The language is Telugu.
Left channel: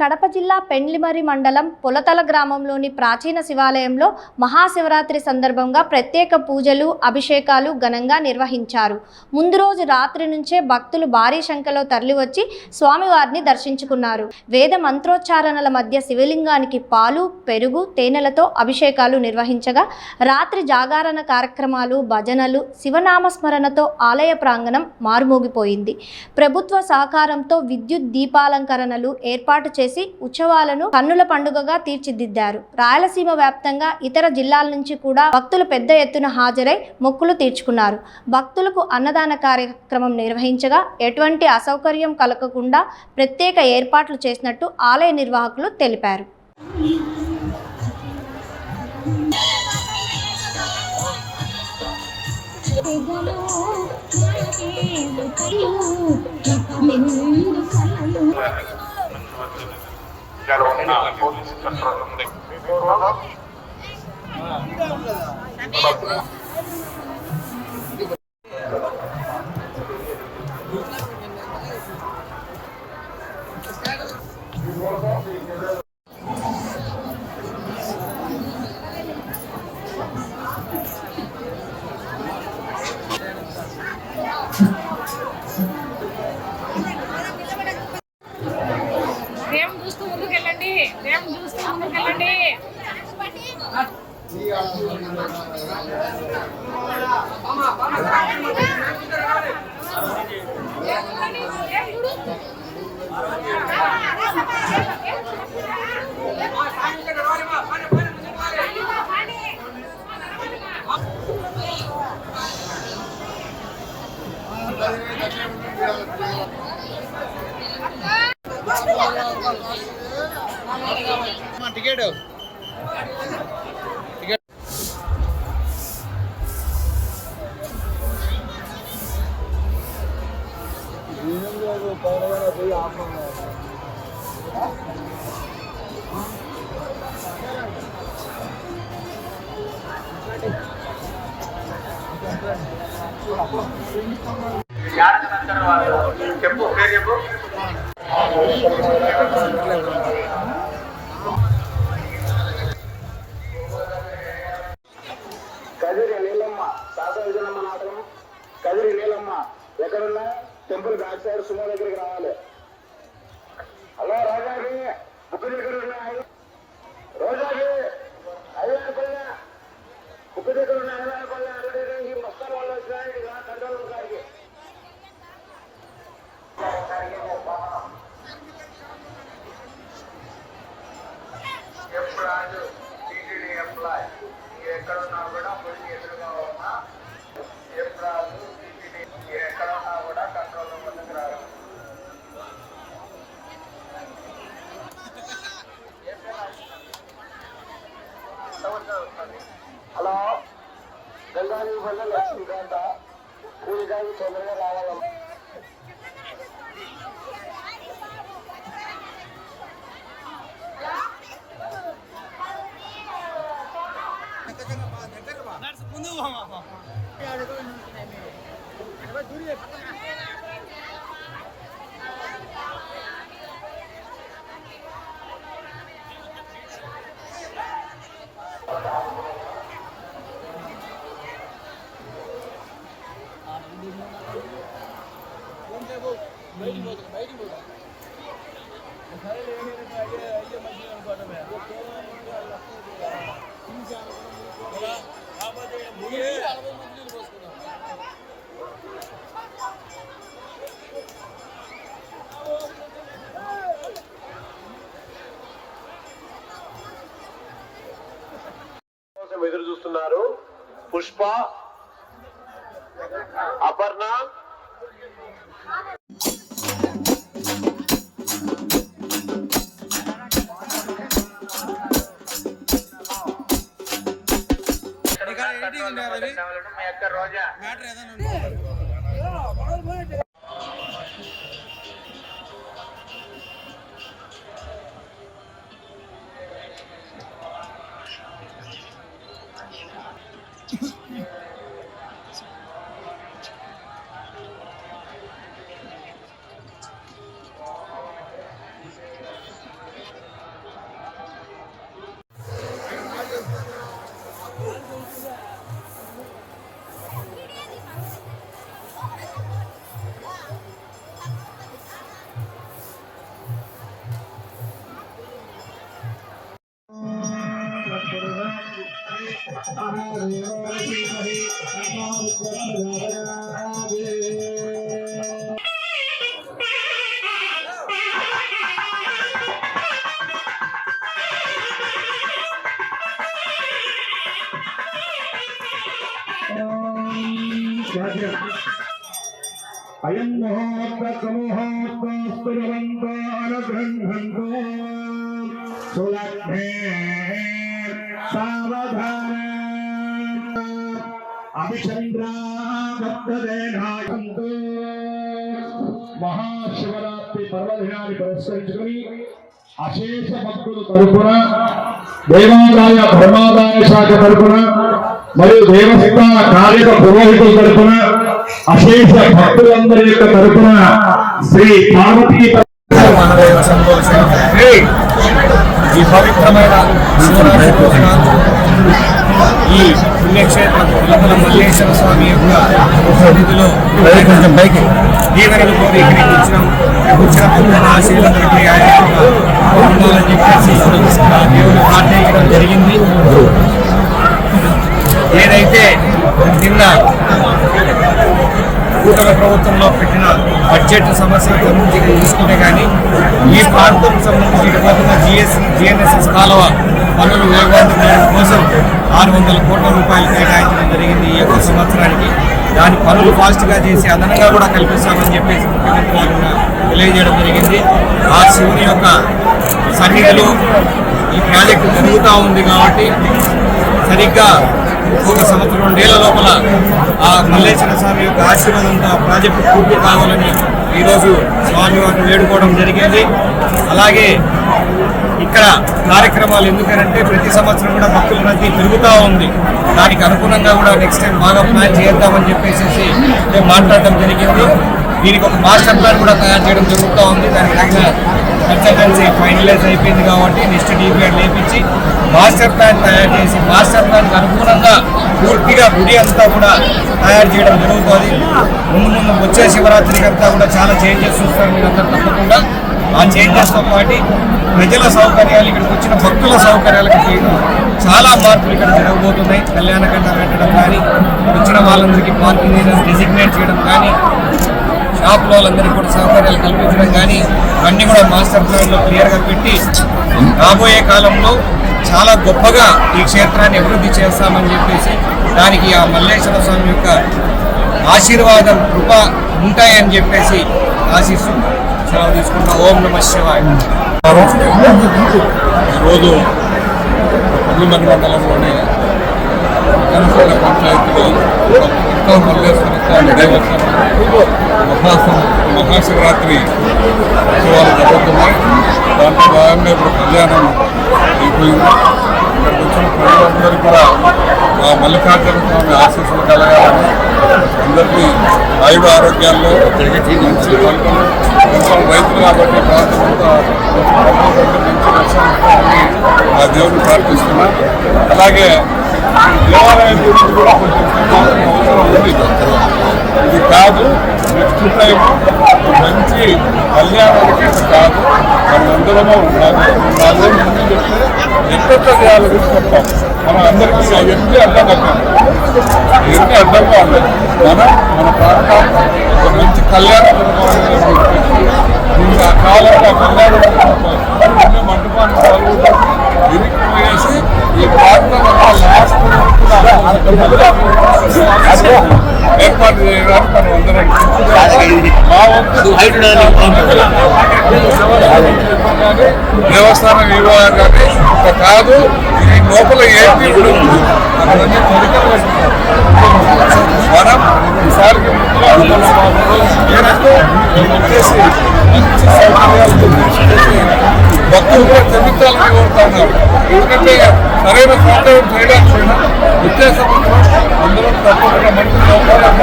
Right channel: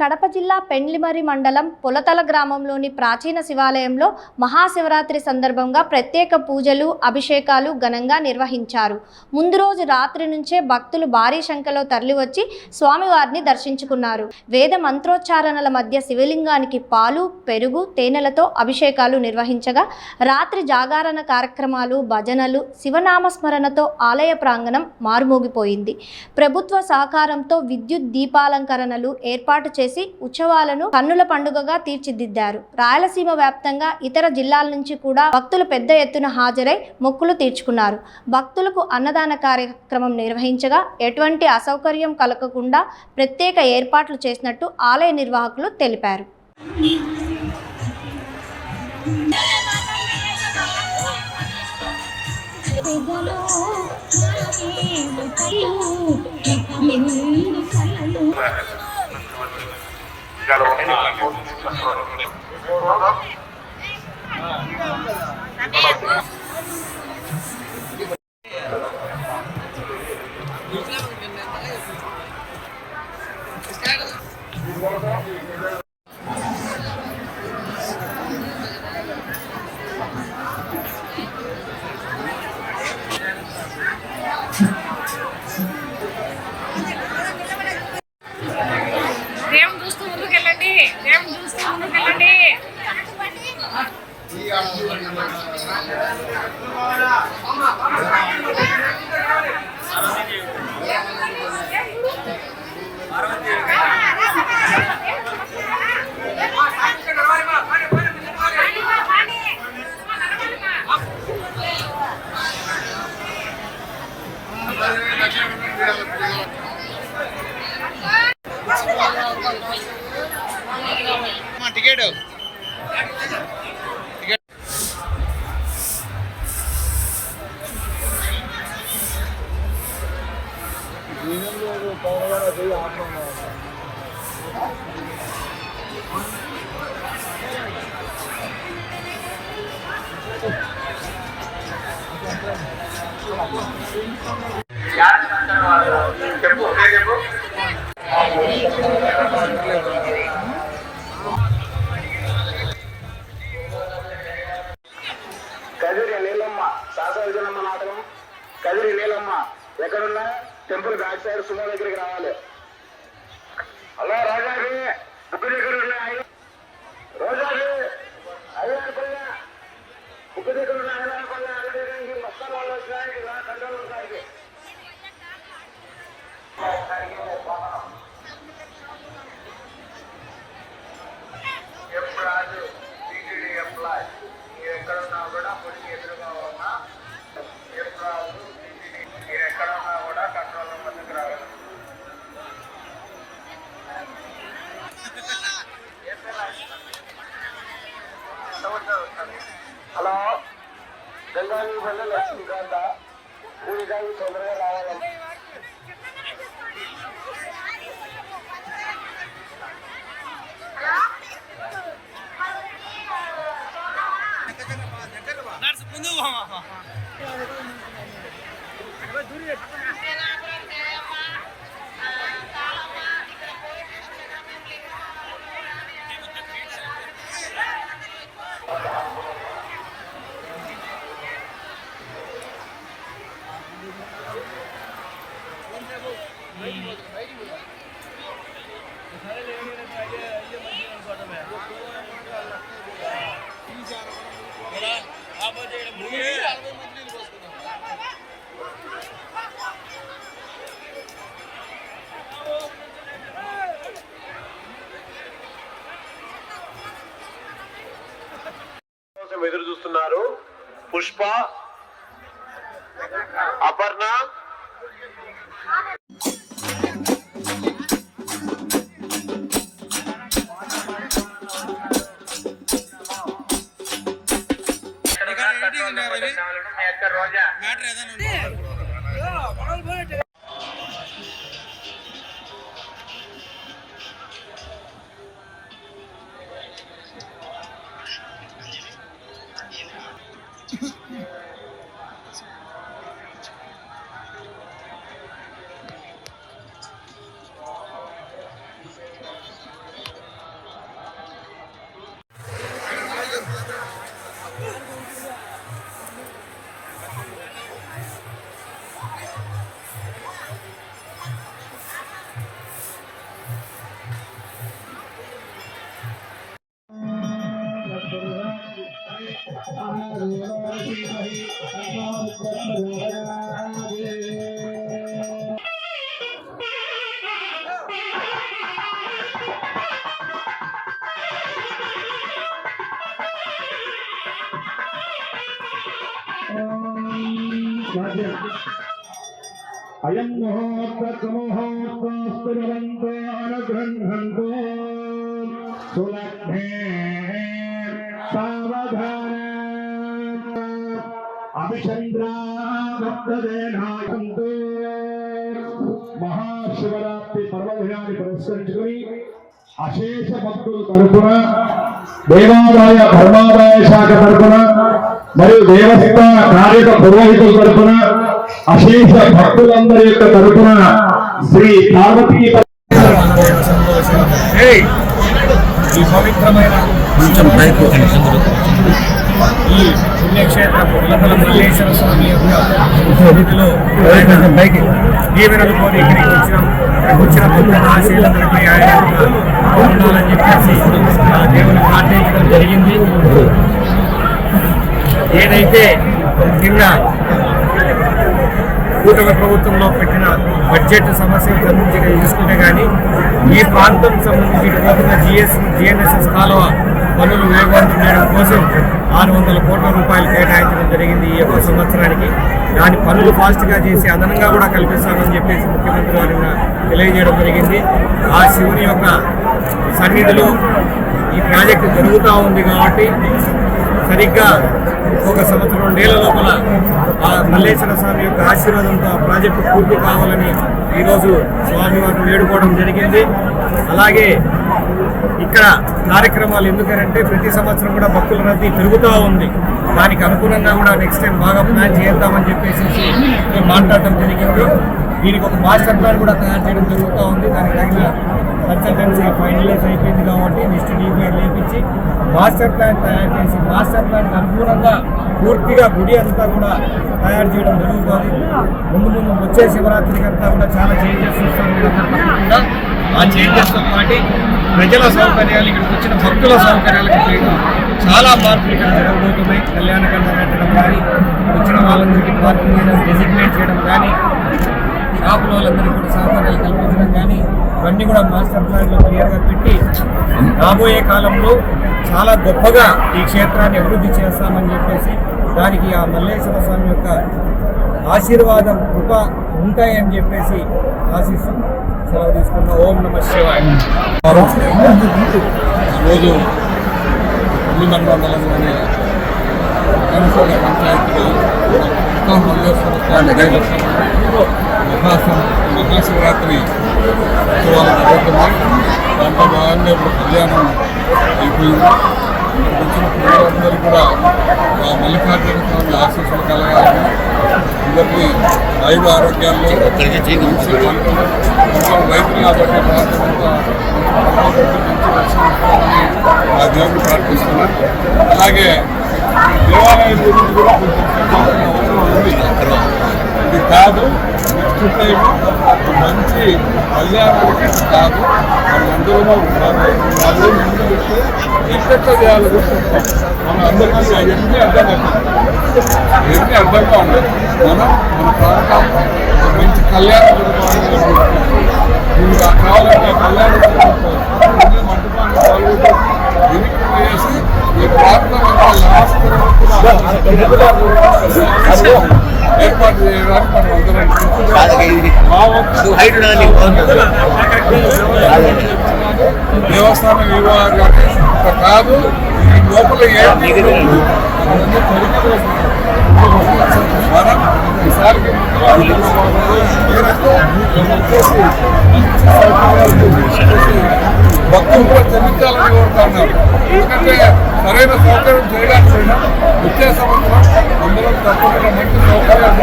కడప జిల్లా పెండ్లిమర్రి మండలం పొలతల గ్రామంలోని ప్రాచీన శివాలయంలో మహాశివరాత్రి సందర్భంగా ప్రత్యేక పూజలు, అభిషేకాలు ఘనంగా నిర్వహించారు. ముందు రోజు రాత్రి నుంచే భక్తులు భారీ సంఖ్యలో తరలివచ్చి స్వామివారిని దర్శించుకున్నారు. వేద మంత్రోచ్చారణల మధ్య శివలింగానికి పాలు, పెరుగు, తేనెలతో అభిషేకాలు నిర్వహించగా రాత్రి జాగరణ కార్యక్రమాలు, భజనలు, శివనామస్మరణతో ఆలయ ప్రాంగణం మారుమోగిపోయింది. ప్రభుత్వ సహకారంతో విద్యుత్ దీపాలంకరణలు ఏర్పాటు చేసి ఉత్సవాలను కన్నుల పండుగగా తీర్చిదిద్దారు. రాయలసీమ వ్యాప్తంగా ఇతర జిల్లాల నుంచి కూడా భక్తులు పెద్ద ఎత్తున హాజరై మొక్కులు తీర్చుకున్నారు. భక్తులకు అన్నదాన కార్యక్రమం నిర్వహించగా ఎటువంటి అసౌకర్యం కలగకుండా ప్రత్యేక ఏర్పాట్లు చేసినట్టు ఆలయ నిర్వాహకులు తెలిపారు. దేవుని చూస్తూ ముందుకెళ్ళండి, దేవుని చూస్తూ ముందుకెళ్ళండి. టికెట్ కదిరి నీలమ్మ శాసనజనమ్మ నాటకం. కదిరి నీలమ్మ ఎక్కడున్నా టెంపుల్ బ్యాక్ సైడ్ సుమో దగ్గరికి రావాలి. హలో రాజాకి బుక్ దగ్గర ఉన్నాయి. రోజాకి అయ్యా బుక్ దగ్గర ఉన్నాయి. మొత్తం వాళ్ళు వచ్చాయి కంట్రోల్ ఉన్నాయి. రాజు టీటీడీ ఎంప్లాయ్ మీరు ఎక్కడ ఉన్నా కూడా పొలికి ఎదురుగా ఉన్నా రాజు మీరు ఎక్కడ ఉన్నా కూడా కంట్రోల్ ముందుకు రావాలి. హలో గంగాని వల్ల లక్ష్మీకాంత పూజాకి తొందరగా రావాలి. ఎదురు చూస్తున్నారు. పుష్ప, అపర్ణ, రోజా అయం ముహూర్తముహూర్తస్తురంతో సులభ్నే సావధాన అభిచంద్రాంతో మహాశివరాత్రి పర్వదినాన్ని పురస్కరించుకుని అశేష భక్తులు తరపున దేవాదాయ ధర్మాదాయ శాఖ తరపున మరియు దేవస్థాన కార్యక పురోహితుల తరపున అశేష భక్తులందరి యొక్క తరపున శ్రీ పార్వతీ ఈ పవిత్రమైన ఈ పుణ్యక్షేత్రం పుల్లకల మల్లేశ్వర స్వామి యొక్క సన్నిధిలో దీవెనలు కోరి ఇక్కడికి వచ్చిన భక్తుల ఆశీర్వాదానికి ఆయన యొక్క ఆనందాలని చెప్పేసి ఆ దేవుని ప్రార్థించడం జరిగింది. ఏదైతే నిన్న కూటమి ప్రభుత్వంలో పెట్టిన బడ్జెట్ సమస్యలకు సంబంధించి తీసుకుంటే కానీ ఈ ప్రాంతం సంబంధించి ఇటుపక్కన జిఎన్ఎస్ఎస్ కాలువ పనులు వేగవంతం కోసం 600 కోట్ల రూపాయలు కేటాయించడం జరిగింది ఈ యొక్క సంవత్సరానికి. దాని పనులు ఫాస్ట్గా చేసి అదనంగా కూడా కల్పిస్తామని చెప్పేసి ముఖ్యమంత్రి గారు తెలియజేయడం జరిగింది. ఆ శివుని యొక్క సన్నిధిలో ఈ ప్రాజెక్టు జరుగుతూ ఉంది కాబట్టి సరిగ్గా ఒక సంవత్సరం 2 ఏళ్ల లోపల ఆ మల్లేశ్వర స్వామి యొక్క ఆశీర్వాదంతో ఆ ప్రాజెక్టు పూర్తి కావాలని ఈరోజు స్వామివారిని వేడుకోవడం జరిగింది. అలాగే ఇక్కడ కార్యక్రమాలు ఎందుకంటే ప్రతి సంవత్సరం కూడా భక్తుల రద్దీ పెరుగుతూ ఉంది. దానికి అనుగుణంగా కూడా నెక్స్ట్ టైం బాగా ప్లాన్ చేద్దామని చెప్పేసి మేము మాట్లాడటం జరిగింది. దీనికి ఒక మాస్టర్ ప్లాన్ కూడా తయారు చేయడం జరుగుతూ ఉంది. దానికి తగిన కన్సల్టెన్సీ ఫైనలైజ్ అయిపోయింది కాబట్టి నెక్స్ట్ డిపిఆర్ లేపించి మాస్టర్ ప్లాన్ తయారు చేసి మాస్టర్ ప్లాన్కి అనుగుణంగా పూర్తిగా గుడి అంతా కూడా తయారు చేయడం జరుగుతుంది. ముందు వచ్చే శివరాత్రికి అంతా కూడా చాలా చేంజెస్ చూస్తారు తప్పకుండా. ఆ చేంజెస్తో పాటు ప్రజల సౌకర్యాలు, ఇక్కడికి వచ్చిన భక్తుల సౌకర్యాలకు చాలా మార్పులు ఇక్కడ జరగబోతున్నాయి. కళ్యాణకండ పెట్టడం కానీ, వచ్చిన వాళ్ళందరికీ పార్కింగ్ ఏరియాస్ డెసిగ్నేట్ చేయడం కానీ, షాపుల వాళ్ళందరికీ కూడా సౌకర్యాలు కల్పించడం కానీ ఇవన్నీ కూడా మాస్టర్ ప్లాన్లో క్లియర్గా పెట్టి రాబోయే కాలంలో చాలా గొప్పగా ఈ క్షేత్రాన్ని అభివృద్ధి చేస్తామని చెప్పేసి దానికి ఆ మల్లేశ్వర స్వామి యొక్క ఆశీర్వాదం కృప ఉంటాయని చెప్పేసి ఆశిస్తూ సెలవు తీసుకుంటా. ఓం నమః శివాయ. ఈరోజు కొల్లిమర్రి మండలంలోని జనసేన పంచాయతీలో ఇంకా మల్లేశ్వర స్వామి దేవస్థానం మహాశివరాత్రి ఉత్సవాలు జరుగుతున్నాయి. దాంట్లో భాగంగా ఇప్పుడు కళ్యాణం అయిపోయింది. ఇక్కడికి వచ్చిన ప్రజలందరూ కూడా ఆ మల్లికార్జున స్వామి ఆశీస్సులు కలగాలని, అందరికీ ఆయుధ ఆరోగ్యాల్లో మంచి పంటలు రైతులు కాబట్టి ప్రాంతం అంతా మంచి రక్షణ ఆ దేవుడిని ప్రార్థిస్తున్నాం. అలాగే దేవాలయం గురించి కూడా కొంచెం చెప్పాల్సిన అవసరం ఉంది. ఇది కాదు నెక్స్ట్ టైం మంచి కళ్యాణానికి కాదు మనందరము 4 రోజులు ముందు చెప్తే ఎట్లా చేయాలో చెప్తాం. మనం అందరికీ అవన్నీ అర్థం అవుతాం. ఇవన్నీ అర్థంగా ఉన్నాయి. మనం మన ప్రాంతాల్లో ఒక మంచి కళ్యాణం జరగాలని దీనికి ఆ కాలంలో ఆ కళ్యాణం అన్ని మంటపాన్ని పాల్గొంటాం. వేసి ఈ ప్రాంతం అంతా లాస్ట్ ఏర్పాటు చేయడానికి మనం అందరం మా వంతు దేవస్థానం వివాహాలు కానీ ఒక కాదు ఈ లోపల ఏమి అవన్నీ మనం ఈసారికి వచ్చేసి మంచి సౌకర్యాలు భక్తులు కూడా చెందుతాలని కోరుతున్నారు. ఎందుకంటే సరైన సౌకర్యం చేయడానికి వచ్చే సంవత్సరం అందరం తప్పకుండా మంచి సౌకర్యాలు